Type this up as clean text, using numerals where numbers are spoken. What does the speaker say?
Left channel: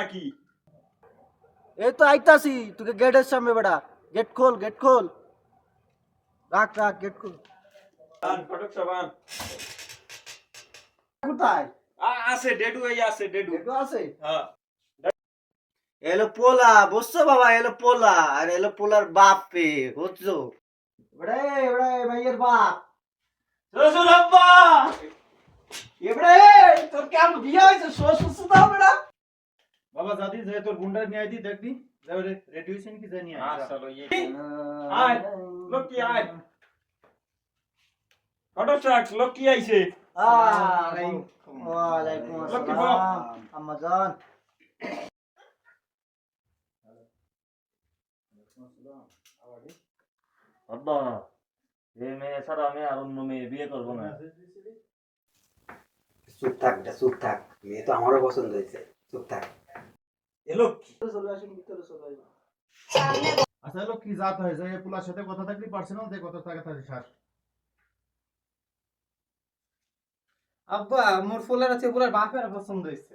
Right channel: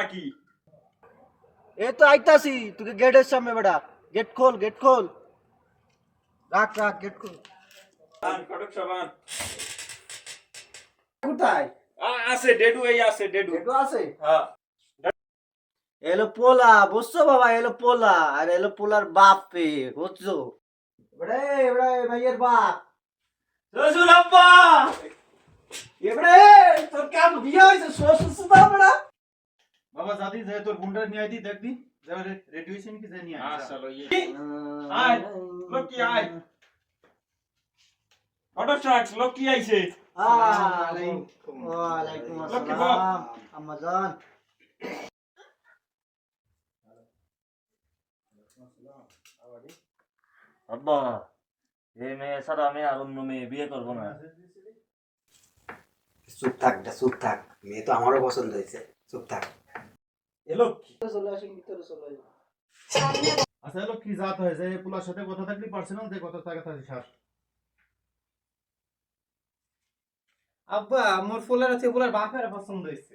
নাকি? এই তো আইতাছি তোকে গেটের সামনে বেটা। গেট খোল, গেট খোল। রাখ রাখ, গেট খোল। ফটক সাবান কোথায়? আছে ডেডু, এই আছে ডেডু। গেটও আছে? হ্যাঁ এলো পোলা, বুঝছো বাবা? এলো পোলা, আর এলো পোলার বাপ পে, বুঝছো? বেটা বেটা ভাইয়ের বাপ। রসুল আব্বা। এবারে তোর কেমন বিয়ে হয়েছে? শ্বশুর সুতা বেটা। বাবা জাদি যে তোর গুন্ডার নিয়ে আইতি দেখদি যাবে রেডি হইছেন কি জানি হ্যাঁ আয় চলো ये আয় লকি আয় ফটক ট্রাক লকি আইছে। ওয়ালাইকুম লক্ষ্মী আসসালাম আম্মা জান। আব্বা এই মেয়ে ছাড়া আমি আর অন্য মেয়ে বিয়ে করবো না। চুপ থাক বেটা, চুপ থাক। মেয়ে তো আমারও পছন্দ হয়েছে, চুপ থাক। এলো চলে আসেন, ভিতরে চলে আসেন। আচ্ছা হলো কি জাত হয় যে পোলার সাথে কথা থাকলি পার্সোনাল যে কথা থাকে তার সার আব্বা মোর ফুলের আছে ফুলের বাপের পছন্দ হয়েছে।